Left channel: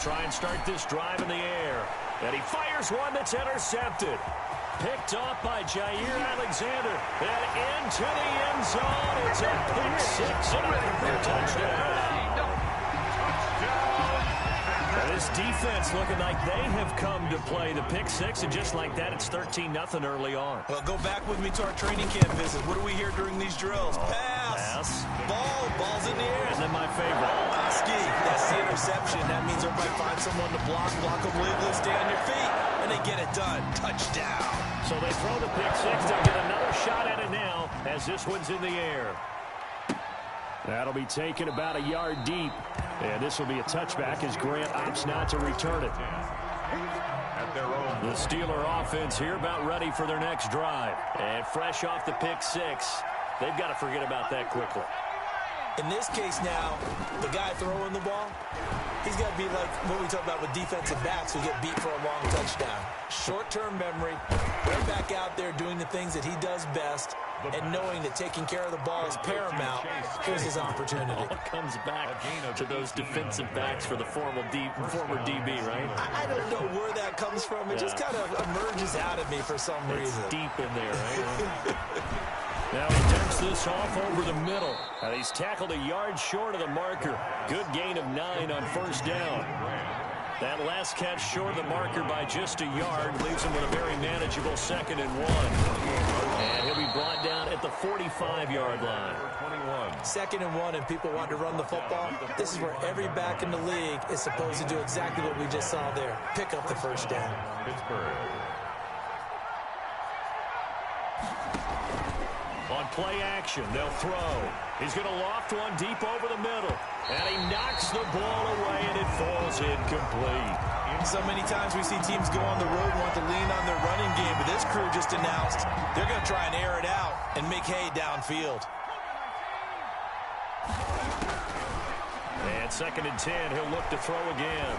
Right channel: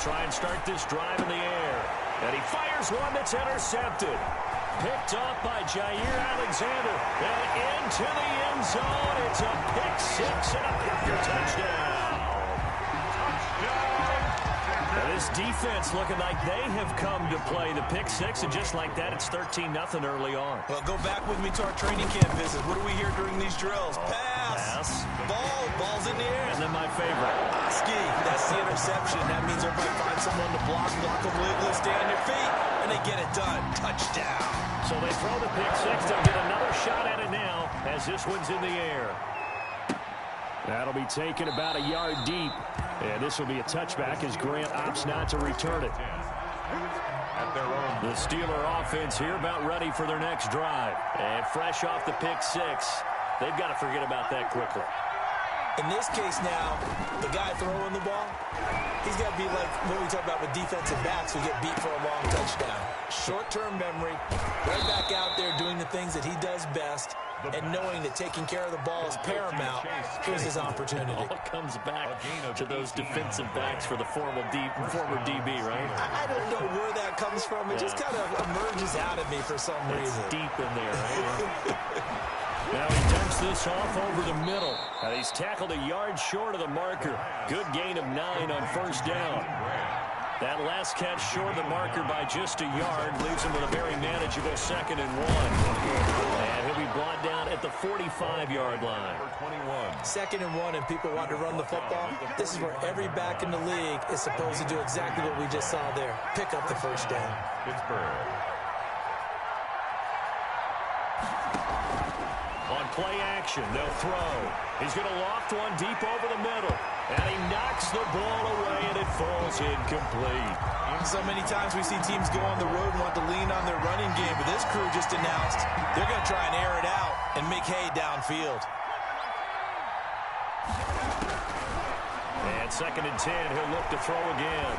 try and start this drive in the air. And he fires one that's intercepted. Picked off by Jair Alexander. And into the end zone. It's a pick six and a Packer touchdown. Now this defense looking like they have come to play the pick six, and just like that, it's 13-0 early on. Well, go back with me to our training camp visit. What do we hear during these drills? Pass. Ball's in the air. And then my favorite. Oski, that's the interception. That means everybody finds someone to block them legally, stay on your feet, and they get it done. Touchdown. So they throw the pick six. They'll get another shot at it now as this one's in the air. That'll be taken about a yard deep. And this will be a touchback as Grant opts not to return it. The Steeler offense here about ready for their next drive. And fresh off the pick six, they've got to forget about that quickly. In this case now, the guy throwing the ball, he's got to be like what we talk about with defensive backs who get beat for a long touchdown. Short-term memory, right back out there doing the things that he does best, and knowing that taking care of the ball is paramount. Here's his opportunity. All comes back to those defensive backs for the former DB, right? I don't know where that comes from. It just kind of emerges out of me for some reason. It's deep in there, right? Now he dumps this off over the middle. Now he's tackled a yard short of the marker. Good gain of 9 on first down. That last catch short of the marker by just a yard leaves him with a very manageable 2nd and 1. And he'll be brought down at the 45-yard line. 2nd and 1, and people want to run the football. This is where every back in the league is supposed to do exactly what we just saw there. Pick up the first down. Pittsburgh. On play action, they'll throw. He's going to loft one deep over the middle. And he knocks the ball away, and it falls incomplete. So many times we see teams go on the road and want to lean on their running game, but this crew just announced they're going to try and air it out and make hay downfield. And 2nd and 10, he'll look to throw again.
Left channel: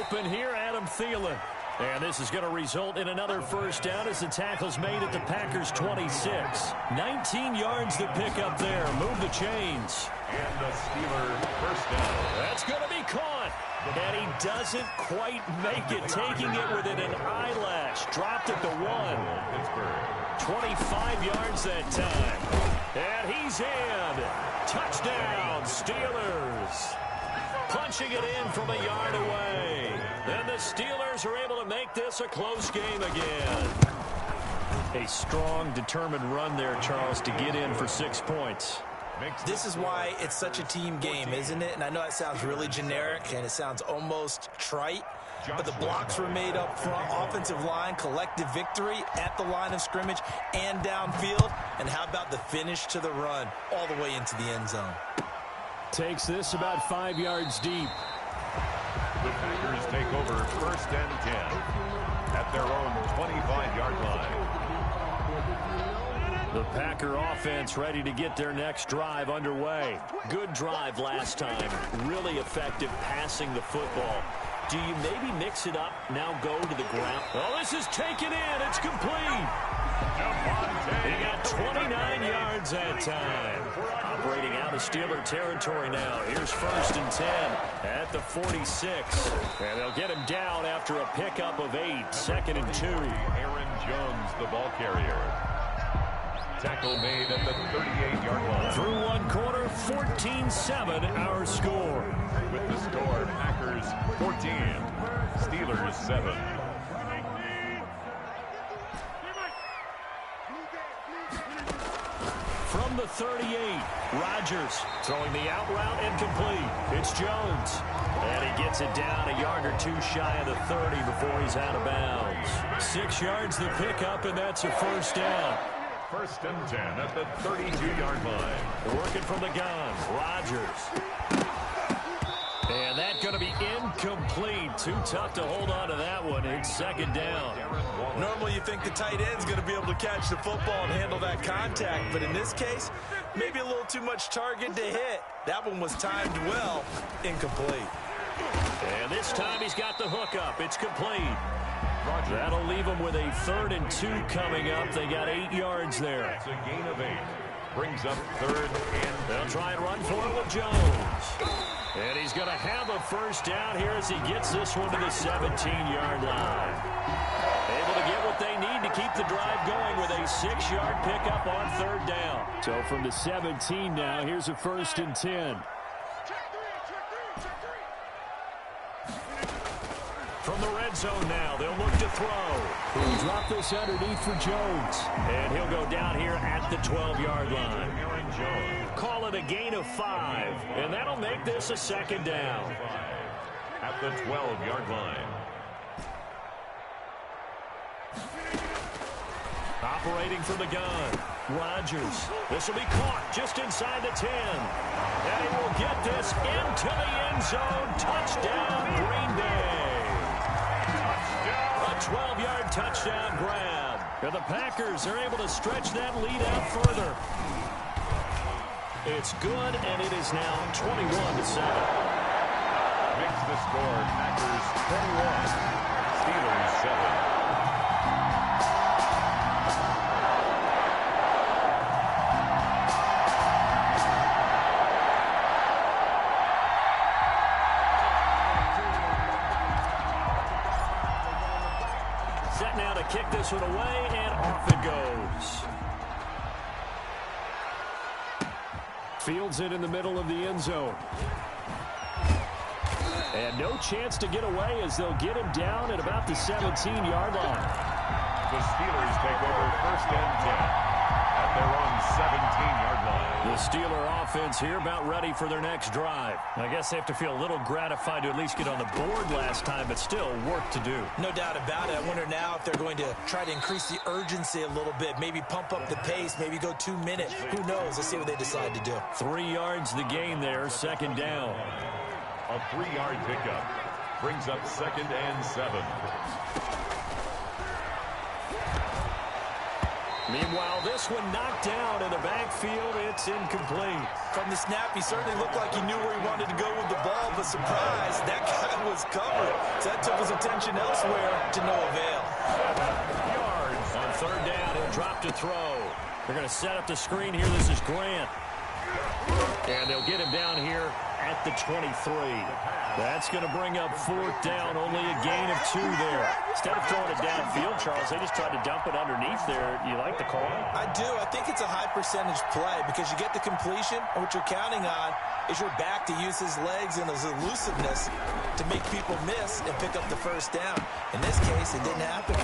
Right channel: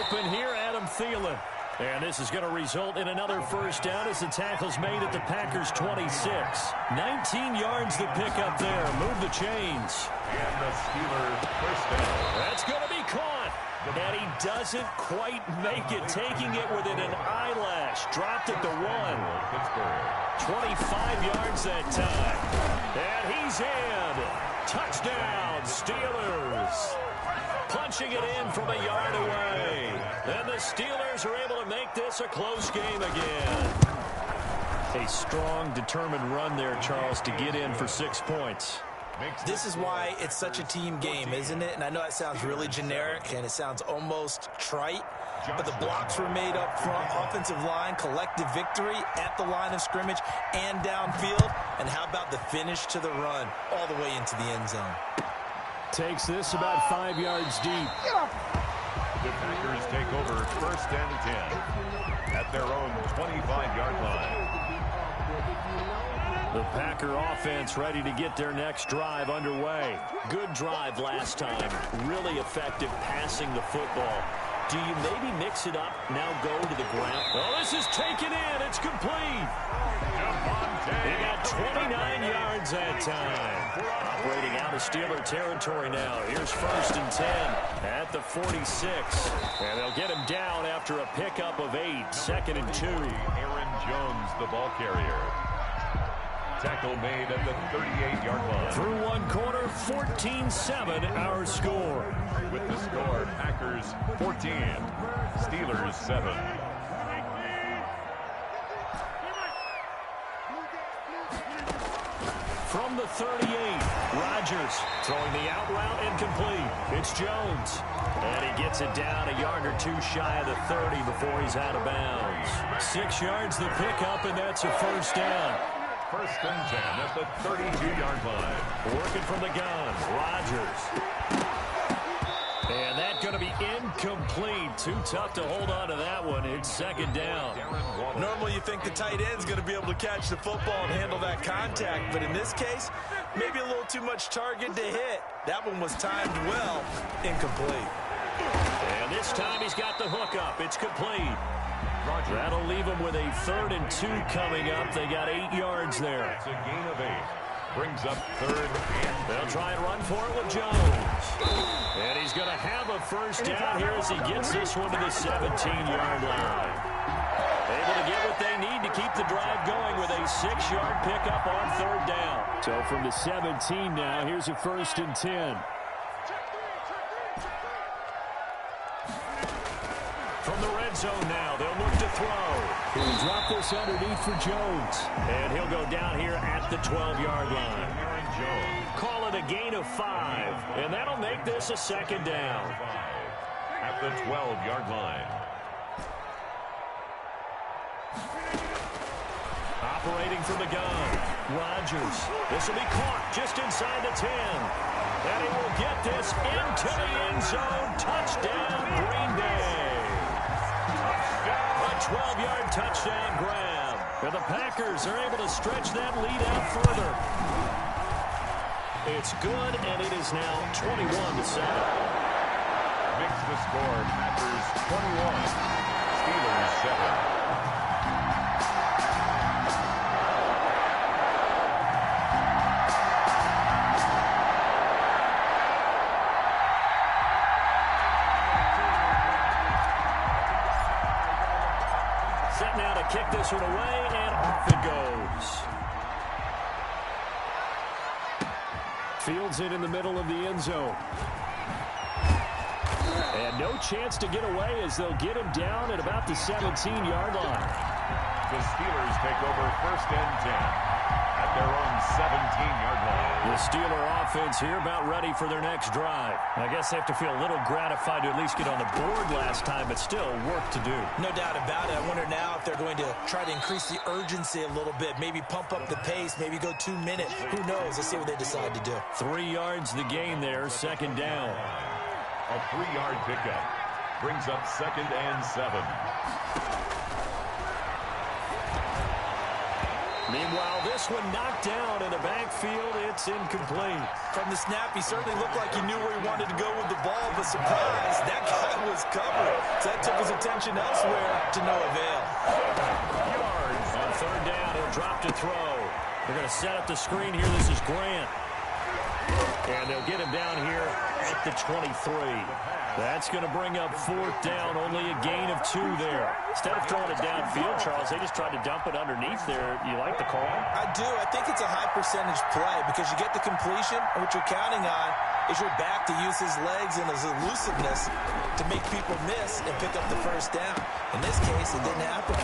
Open here, Adam Thielen. And this is going to result in another first down as the tackle's made at the Packers' 26. 19 yards to pick up there. Move the chains. And the Steeler first down. That's going to be caught. And he doesn't quite make it, taking it within an eyelash. Dropped at the 1. Pittsburgh. 25 yards that time. And he's in. Touchdown, Steelers. Punching it in from a yard away. And the Steelers are able to make this a close game again. A strong, determined run there, Charles, to get in for 6 points. This is why it's such a team game, isn't it? And I know that sounds really generic and it sounds almost trite, but the blocks were made up front, offensive line, collective victory at the line of scrimmage and downfield. And how about the finish to the run all the way into the end zone? Takes this about 5 yards deep. The Packers take over 1st and 10 at their own 25-yard line. The Packer offense ready to get their next drive underway. Good drive last time. Really effective passing the football. Do you maybe mix it up, now go to the ground? Oh, this is taken in. It's complete. He got 29 yards that time. Operating out of Steeler territory now. Here's 1st and 10 at the 46. And they'll get him down after a pickup of 8. 2nd and 2. Aaron Jones, the ball carrier. Tackle made at the 38-yard line. Through one quarter, 14-7 our score. With the score, Packers 14, Steelers 7. From the 38, Rodgers throwing the out route and complete. It's Jones. And he gets it down a yard or 2 shy of the 30 before he's out of bounds. 6 yards the pickup, and that's a first down. 1st and 10 at the 32-yard line. Working from the gun, Rodgers. And that's going to be incomplete. Too tough to hold on to that one. It's 2nd down. Normally you think the tight end's going to be able to catch the football and handle that contact, but in this case, maybe a little too much target to hit. That one was timed well. Incomplete. And this time he's got the hook up. It's complete. That'll leave him with a 3rd and 2 coming up. They got 8 yards there. It's a gain of 8. Brings up 3rd and They'll try and run for it with Jones. And he's going to have a first down here as he gets this one to the 17-yard line. Able to get what they need to keep the drive going with a 6-yard pickup on 3rd down. So from the 17 now, here's a 1st and 10. From the red zone now, they'll look to throw. He'll drop this underneath for Jones. And he'll go down here at the 12-yard line. Call it a gain of 5. And that'll make this a 2nd down. At the 12-yard line. Operating from the gun, Rodgers. This will be caught just inside the 10. And he will get this into the end zone. Touchdown, Green Bay. A 12-yard touchdown grab. And the Packers are able to stretch that lead out further. It's good, and it is now 21-7. Makes the score Packers 21, Steelers 7. Set now to kick this one away, and off it goes. Fields it in the middle of the end zone. And no chance to get away as they'll get him down at about the 17-yard line. The Steelers take over 1st and 10 at their own 17-yard line. The Steeler offense here about ready for their next drive. I guess they have to feel a little gratified to at least get on the board last time, but still work to do. No doubt about it. I wonder now if they're going to try to increase the urgency a little bit, maybe pump up the pace, maybe go 2 minutes. Who knows? Let's see what they decide to do. 3 yards the gain there, 2nd down. A 3-yard pickup brings up 2nd and 7. Meanwhile, this one knocked down in the backfield. It's incomplete. From the snap, he certainly looked like he knew where he wanted to go with the ball, but surprise, that guy was covered. So that took his attention elsewhere to no avail. 7 yards. On 3rd down, he'll drop to throw. They're going to set up the screen here. This is Grant. And they'll get him down here at the 23. That's going to bring up 4th down, only a gain of 2 there. Instead of throwing it downfield, Charles, they just tried to dump it underneath there. You like the call? I do. I think it's a high percentage play because you get the completion, and what you're counting on is your back to use his legs and his elusiveness to make people miss and pick up the 1st down. In this case, it didn't happen.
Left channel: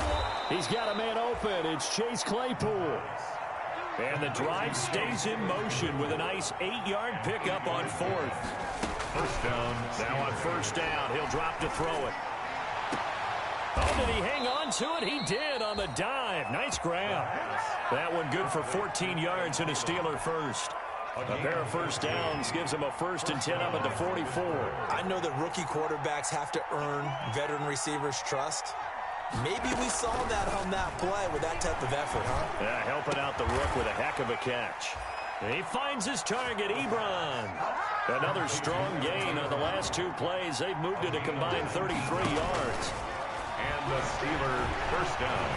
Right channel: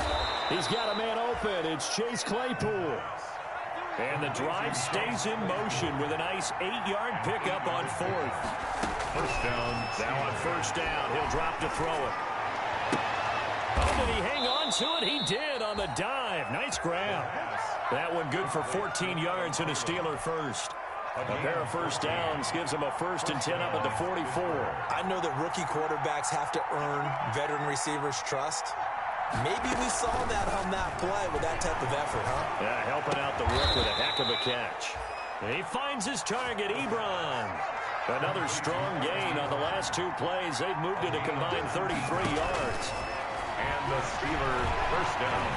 He's got a man open. It's Chase Claypool. And the drive stays in motion with a nice 8-yard pickup on 4th. 1st down. Now on 1st down, he'll drop to throw it. Oh, did he hang on to it? He did on the dive. Nice grab. That one good for 14 yards and a Steeler first. A pair of 1st downs gives him a 1st and 10 up at the 44. I know that rookie quarterbacks have to earn veteran receivers' trust. Maybe we saw that on that play with that type of effort, huh? Yeah, helping out the rook with a heck of a catch. And he finds his target, Ebron. Another strong gain on the last 2 plays. They've moved it a combined 33 yards. And the Steeler 1st down.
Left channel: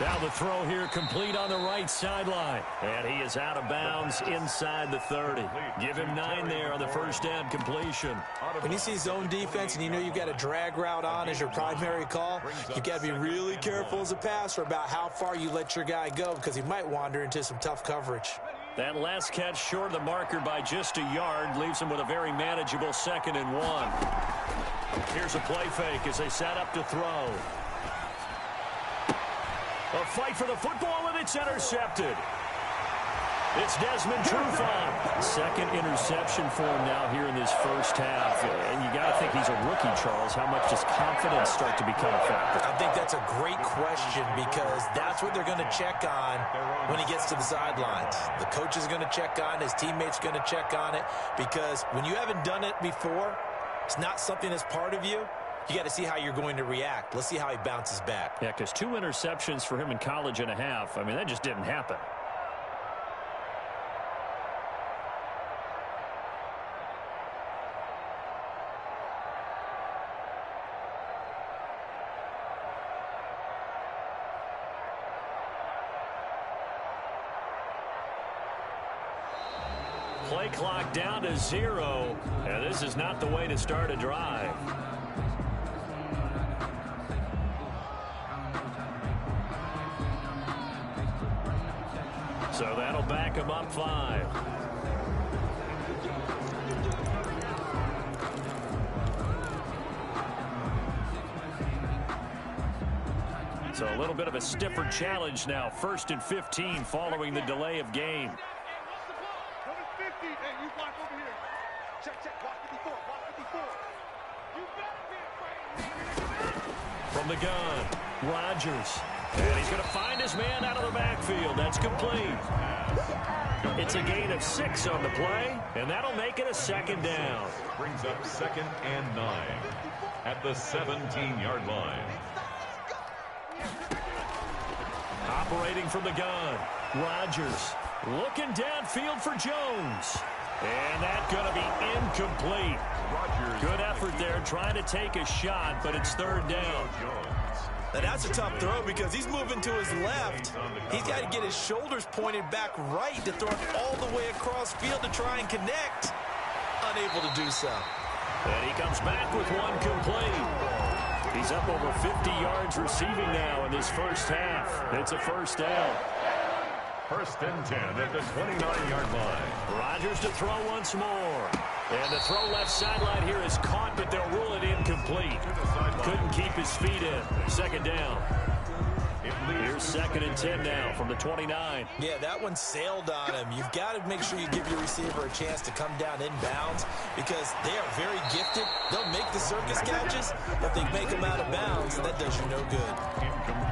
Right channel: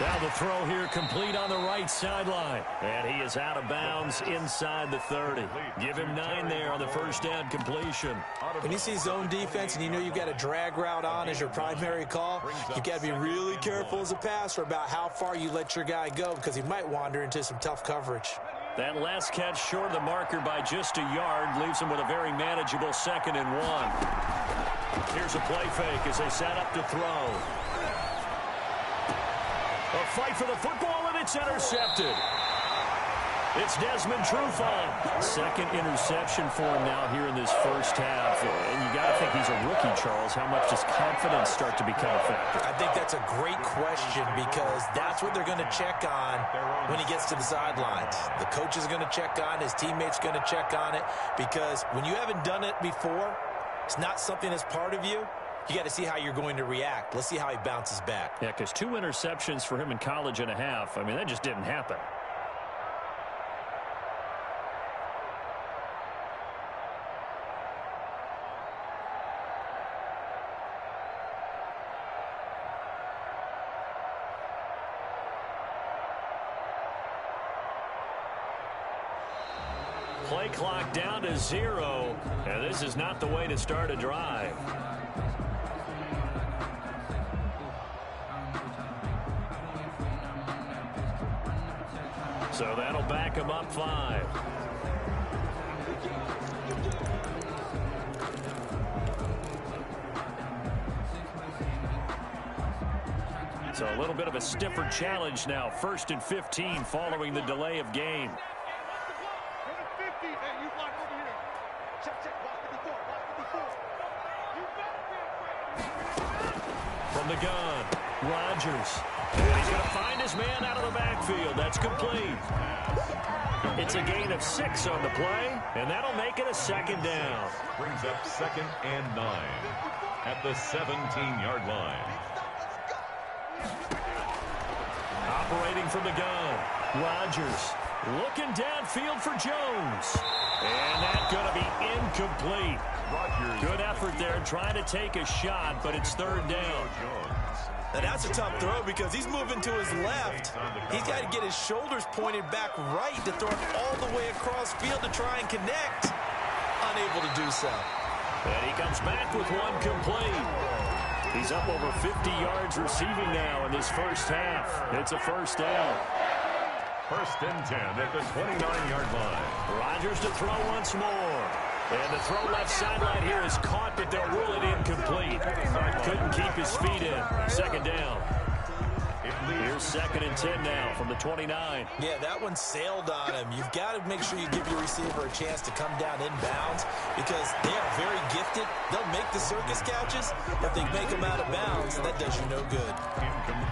Now the throw here complete on the right sideline. And he is out of bounds inside the 30. Give him 9 there on the 1st down completion. When you see zone defense and you know you've got a drag route on as your primary call, you've got to be really careful as a passer about how far you let your guy go because he might wander into some tough coverage. That last catch short of the marker by just a yard leaves him with a very manageable 2nd and 1. Here's a play fake as they set up to throw. A fight for the football, and it's intercepted. It's Desmond Trufant. 2nd interception for him now here in this 1st half. And you got to think he's a rookie, Charles. How much does confidence start to become a factor? I think that's a great question because that's what they're going to check on when he gets to the sidelines. The coach is going to check on, his teammates going to check on it because when you haven't done it before, it's not something that's part of you. You got to see how you're going to react. Let's see how he bounces back. Yeah, because 2 interceptions for him in college and a half. I mean, that just didn't happen. play clock down to 0, and this is not the way to start a drive. So that'll back him up 5. So a little bit of a stiffer challenge now. 1st and 15 following the delay of game. From the gun, Rodgers. And he's going to find his man out of the backfield. That's complete. It's a gain of 6 on the play, and that'll make it a 2nd down. Brings up 2nd and 9 at the 17-yard line. Operating from the gun, Rodgers looking downfield for Jones. And that's going to be incomplete. Rodgers. Good effort there trying to take a shot, but it's 3rd down. Now that's a tough throw because he's moving to his left. He's got to get his shoulders pointed back right to throw it all the way across field to try and connect. Unable to do so. And he comes back with one complete. He's up over 50 yards receiving now in this first half. It's a 1st down. 1st and 10 at the 29-yard line. Rodgers to throw once more. And the throw left sideline here is caught, but they'll rule it incomplete. Couldn't keep his feet in. 2nd down. Here's 2nd and 10 now from the 29. Yeah, that one sailed on him. You've got to make sure you give your receiver a chance to come down inbounds because they are very gifted. They'll make the circus catches, but they make them out of bounds. That does you no good.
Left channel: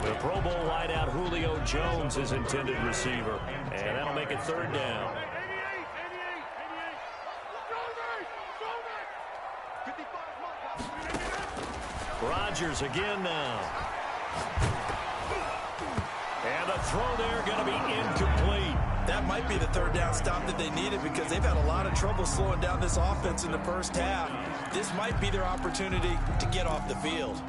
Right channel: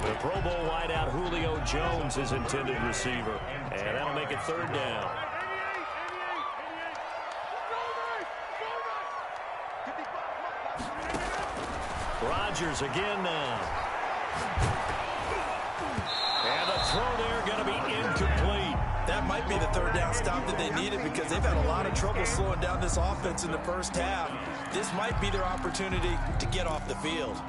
The Pro Bowl wideout Julio Jones is intended receiver, and that'll make it 3rd down. Rodgers again now. And the throw there going to be incomplete. That might be the 3rd down stop that they needed because they've had a lot of trouble slowing down this offense in the first half. This might be their opportunity to get off the field.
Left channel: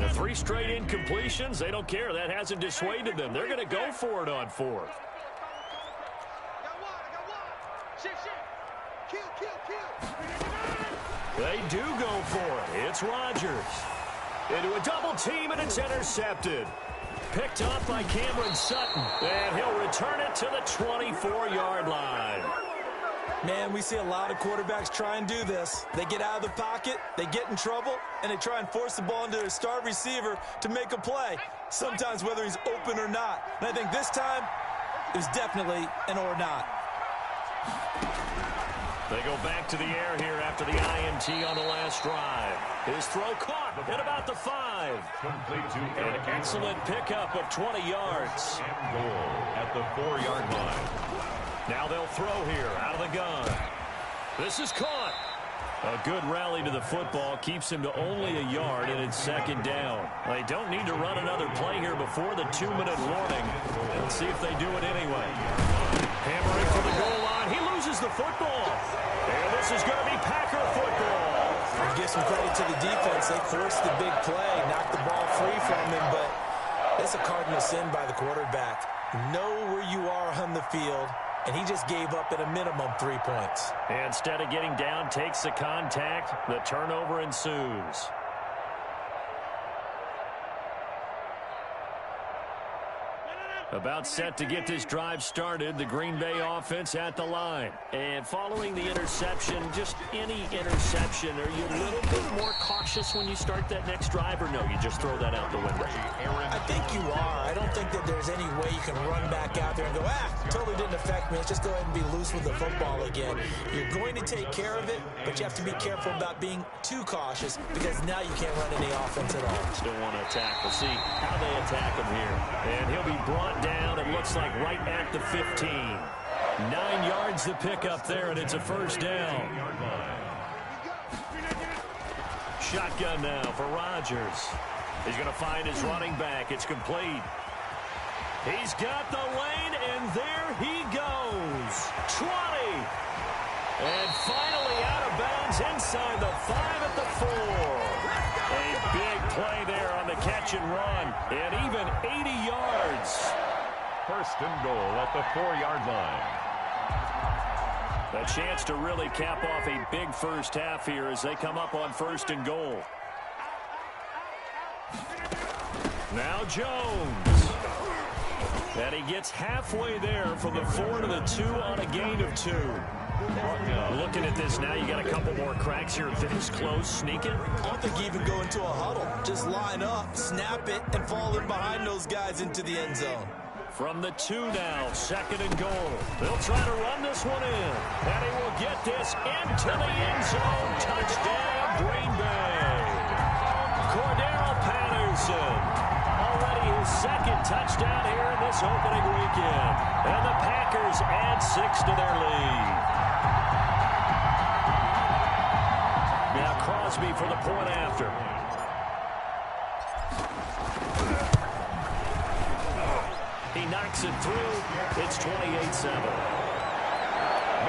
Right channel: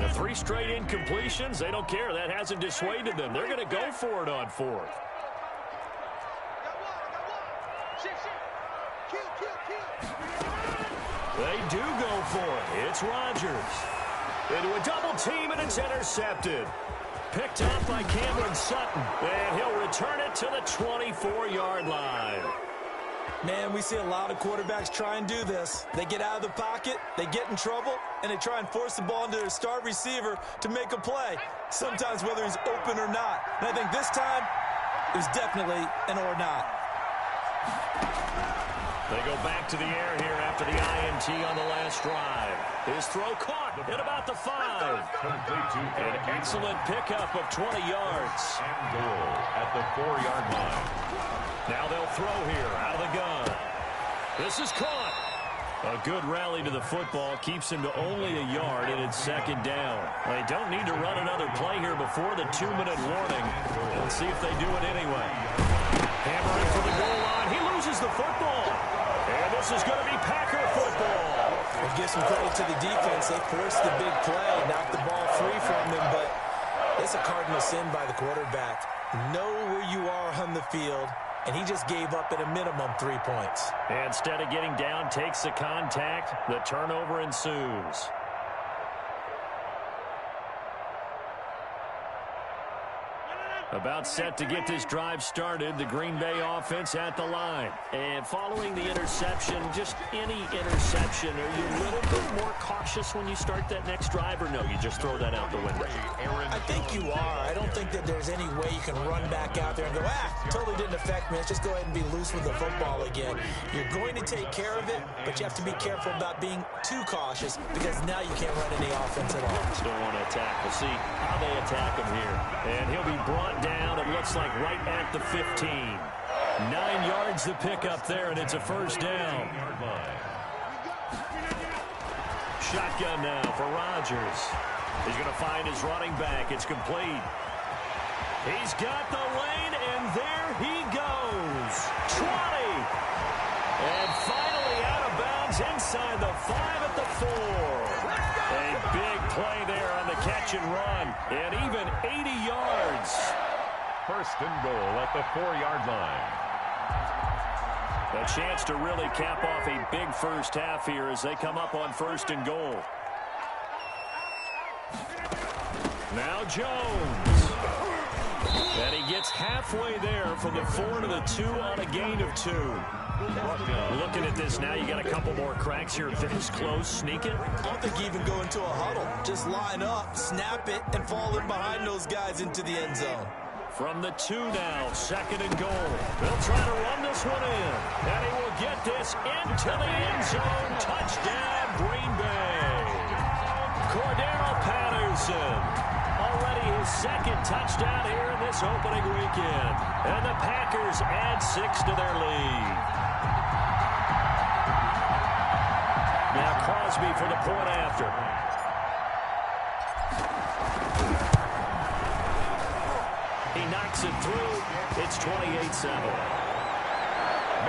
The 3 straight incompletions, they don't care. That hasn't dissuaded them. They're going to go for it on 4th. They do go for it. It's Rodgers. Into a double team, and it's intercepted. Picked up by Cameron Sutton. And he'll return it to the 24-yard line. Man, we see a lot of quarterbacks try and do this. They get out of the pocket, they get in trouble, and they try and force the ball into their star receiver to make a play, sometimes whether he's open or not. And I think this time, it was definitely an or not. They go back to the air here after the INT on the last drive. His throw caught at about the 5. Complete to An excellent pickup of 20 yards. And goal at the 4-yard line. Now they'll throw here out of the gun. This is caught. A good rally to the football keeps him to only a yard, and it's 2nd down. They don't need to run another play here before the 2-minute warning. Let's see if they do it anyway. Hammering for the goal line. He loses the football. And this is going to be Packer football. We'll give some credit to the defense. They forced the big play, knocked the ball free from him, but it's a cardinal sin by the quarterback. Know where you are on the field, and he just gave up at a minimum 3 points. Instead of getting down, takes the contact. The turnover ensues. About set to get this drive started, the Green Bay offense at the line. And following the interception, just any interception, are you a little bit more cautious when you start that next drive, or no, you just throw that out the window? I think you are. I don't think that there's any way you can run back out there and go, totally didn't affect me. Let's just go ahead and be loose with the football again. You're going to take care of it, but you have to be careful about being too cautious because now you can't run any offense at all. Still want to attack. We'll see how they attack him here. And he'll be brought down, it looks like, right at the 15. 9 yards to pick up there, and it's a 1st down. Shotgun now for Rodgers. He's going to find his running back. It's complete. He's got the lane, and there he goes. goes. 20. And finally out of bounds inside the 5 at the 4. A big play there on the catch and run. And even 80 yards. First and goal at the 4-yard line. A chance to really cap off a big first half here as they come up on first and goal. Now Jones. And he gets halfway there from the 4 to the 2 on a gain of 2. Looking at this now, you got a couple more cracks here. This close, sneak it. I don't think you even go into a huddle. Just line up, snap it, and fall in behind those guys into the end zone. From the 2 now, second and goal. They'll try to run this one in. And he will get this into the end zone. Touchdown, Green Bay. Cordero Patterson. Already his second touchdown here in this opening weekend. And the Packers add 6 to their lead. Now Crosby for the point after. He knocks it through. It's 28-7.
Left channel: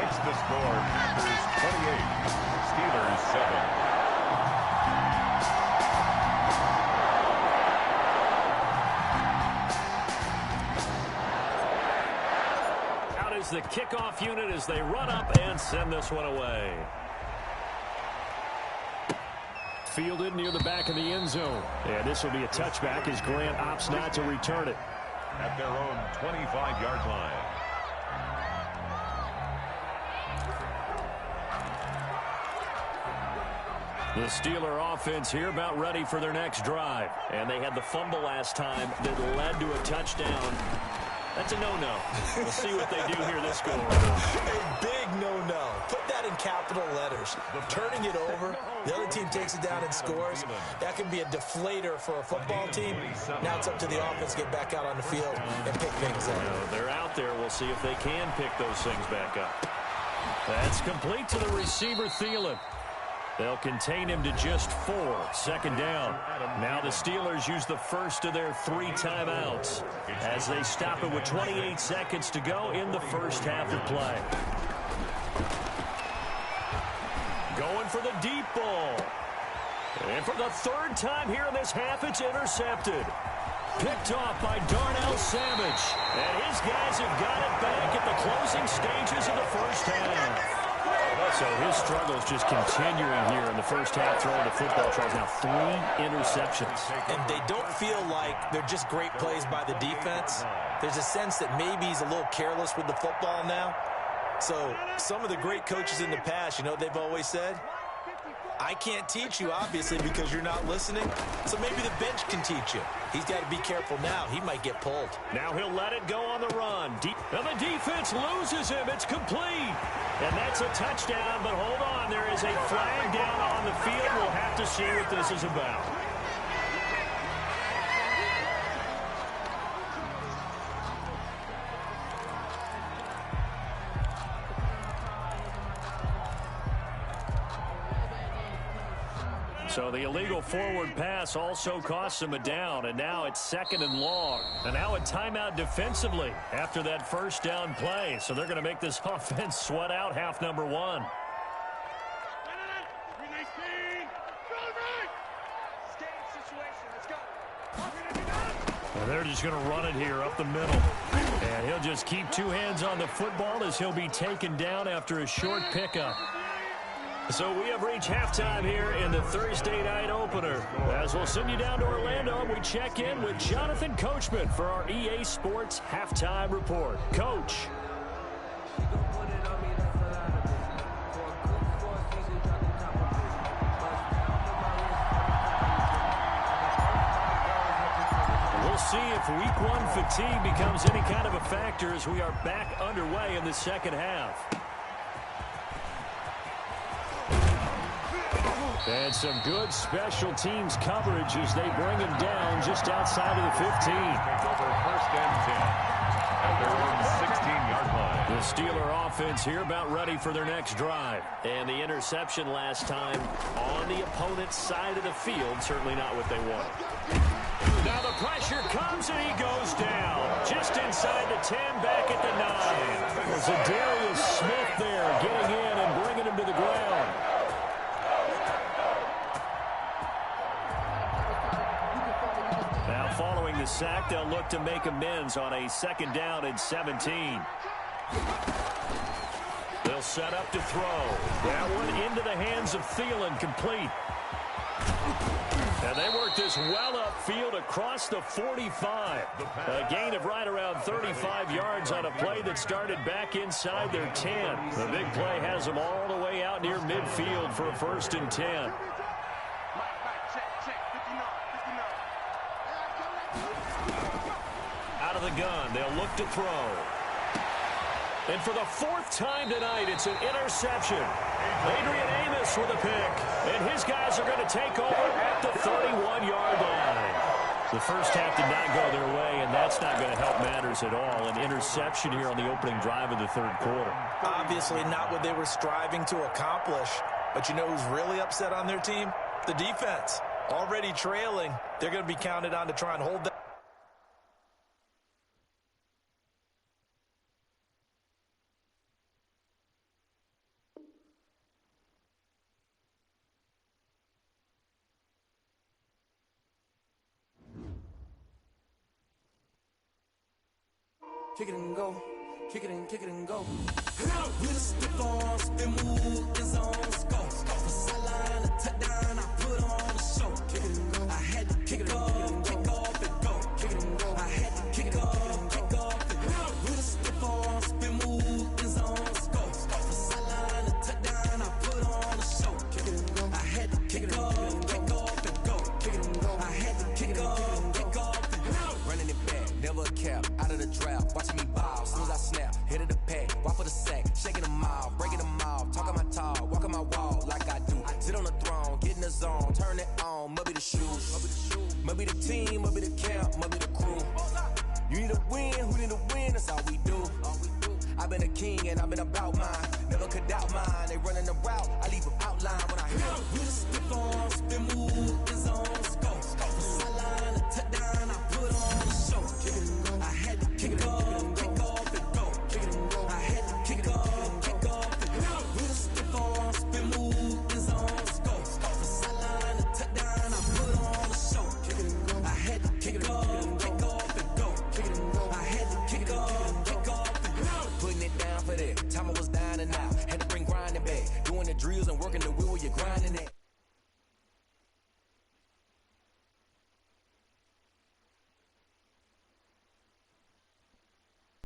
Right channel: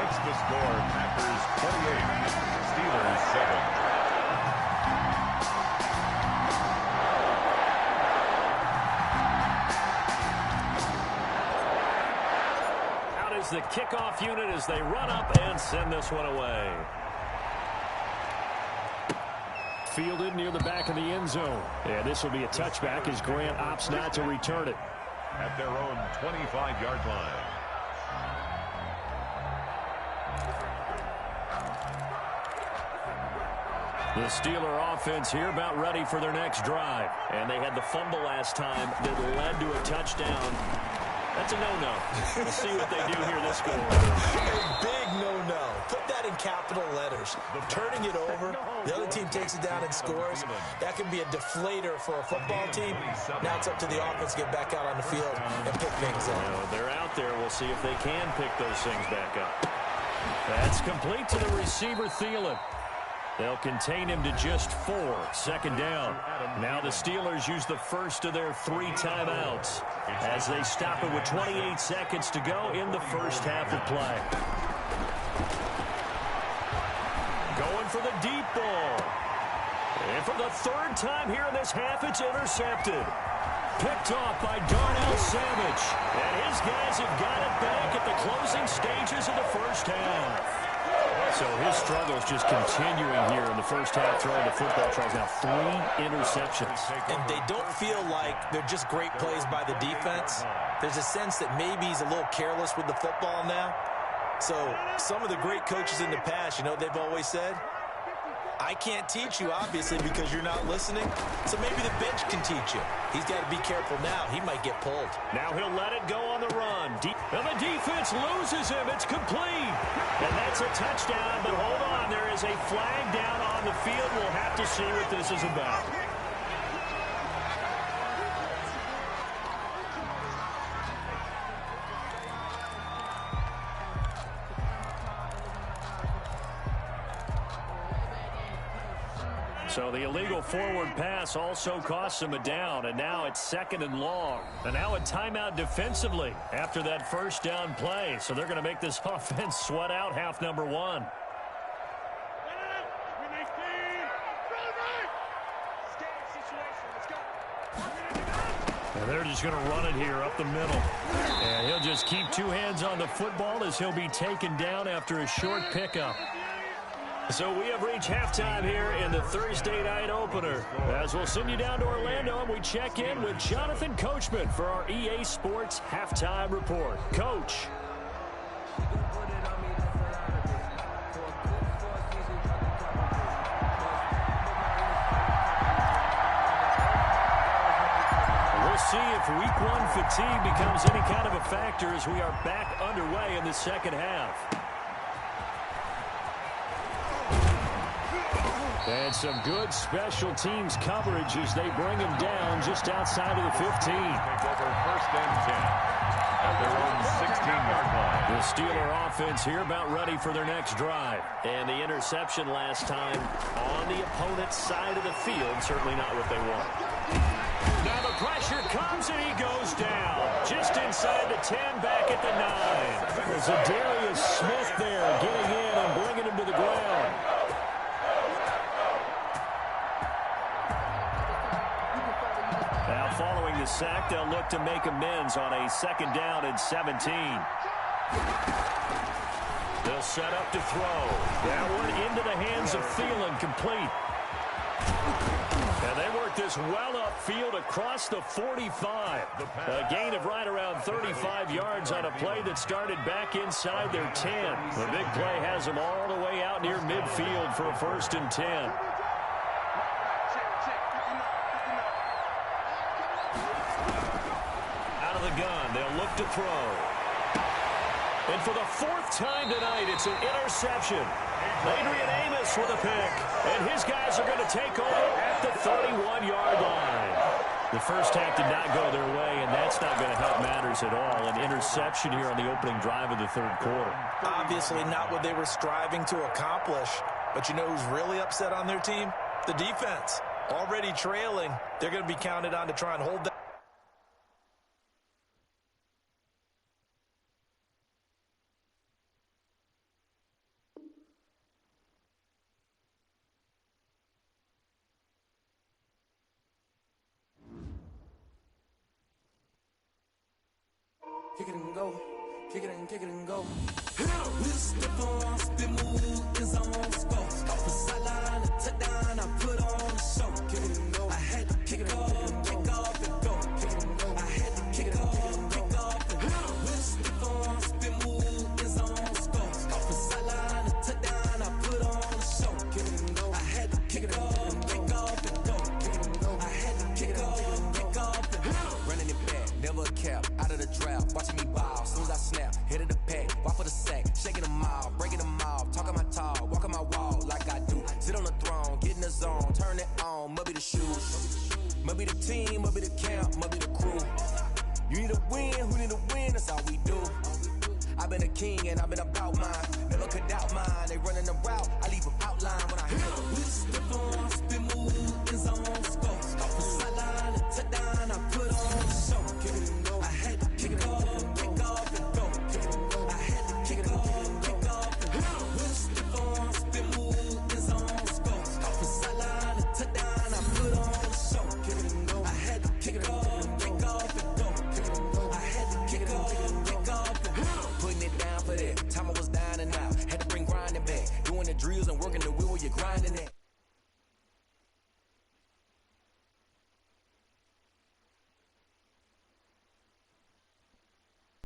Makes the score Packers 28, Steelers 7. Out is the kickoff unit as they run up and send this one away. Fielded near the back of the end zone. And this will be a touchback as Grant opts not to return it. At their own 25-yard line. The Steeler offense here about ready for their next drive. And they had the fumble last time that led to a touchdown. That's a no-no. We'll see what they do here this go-around. A big no-no. Put that in capital letters. Turning it over, the other team takes it down and scores. That can be a deflator for a football team. Now it's up to the offense to get back out on the field and pick things up. Well, they're out there. We'll see if they can pick those things back up. That's complete to the receiver, Thielen. They'll contain him to just 4. Second down. Now the Steelers use the first of their 3 timeouts as they stop it with 28 seconds to go in the first half of play. Going for the deep ball. And for the 3rd time here in this half, it's intercepted. Picked off by Darnell Savage. And his guys have got it back at the closing stages of the first half. So his struggles just continuing here in the first half, throwing the football. Charles, now 3 interceptions. And they don't feel like they're just great plays by the defense. There's a sense that maybe he's a little careless with the football now. So some of the great coaches in the past, you know, they've always said, I can't teach you, obviously, because you're not listening. So maybe the bench can teach you. He's got to be careful now. He might get pulled. Now he'll let it go on the run. And the defense loses him. It's complete. And that's a touchdown. But hold on. There is a flag down on the field. We'll have to see what this is about. So the illegal forward pass also costs him a down, and now it's 2nd and long. And now a timeout defensively after that first down play. So they're going to make this offense sweat out half number 1. And they're just going to run it here up the middle. And he'll just keep 2 hands on the football as he'll be taken down after a short pickup. So we have reached halftime here in the Thursday night opener. As we'll send you down to Orlando, and we check in with Jonathan Coachman for our EA Sports Halftime Report. Coach. We'll see if week 1 fatigue becomes any kind of a factor as we are back underway in the second half. And some good special teams coverage as they bring him down just outside of the 15. Take over first and 10. at their own 16-yard line. The Steeler offense here about ready for their next drive. And the interception last time on the opponent's side of the field, certainly not what they want. Now the pressure comes and he goes down. Just inside the 10, back at the 9. There's a Darius Smith there getting in and bringing him to the ground. Now following the sack, they'll look to make amends on a 2nd down and 17. They'll set up to throw. That one into the hands of Thielen, complete. And they work this well upfield across the 45. A gain of right around 35 yards on a play that started back inside their 10. The big play has them all the way out near midfield for a 1st and 10. Out of the gun, they'll look to throw. And for the 4th time tonight, it's an interception. Adrian Amos with a pick. And his guys are going to take over at the 31-yard line. The first half did not go their way, and that's not going to help matters at all. An interception here on the opening drive of the 3rd quarter. Obviously not what they were striving to accomplish. But you know who's really upset on their team? The defense. Already trailing. They're going to be counted on to try and hold that. Kick it and go, kick it and go. With a step on, spin move, in zone, go. From sideline to touchdown, I put on a show. I had to kick off and go. I had to kick off and go. With a step on, spin move, in zone, go. From sideline to touchdown, I put on a show. I had to kick off and go. I had to kick off and go. Running it back, never a cap, out of the draft, watching me ball, soon as I snap, hit of the pack, walk for the sack, shaking them off, breaking them off, talking my talk, walking my wall like I do, sit on the throne, get in the zone, turn it on, must be the shoes, must be the team, must be the camp, must be the crew, you need a win, who need a win, that's all we do, I've been a king and I've been about mine, never could doubt mine, they running the route, I leave them outline when I hit them. With a step on, spin move, in zone, go. From sideline to touchdown, I put on a show. I had to kick off and go. I had to kick off and go. With a step on, spin move, in zone, go. From sideline to touchdown, I put on a show. I had to kick off and go. I had to kick off and go. Putting it down for that, time I was down and out, had to bring grinding back, doing the drills and working the wheel while you're grinding that.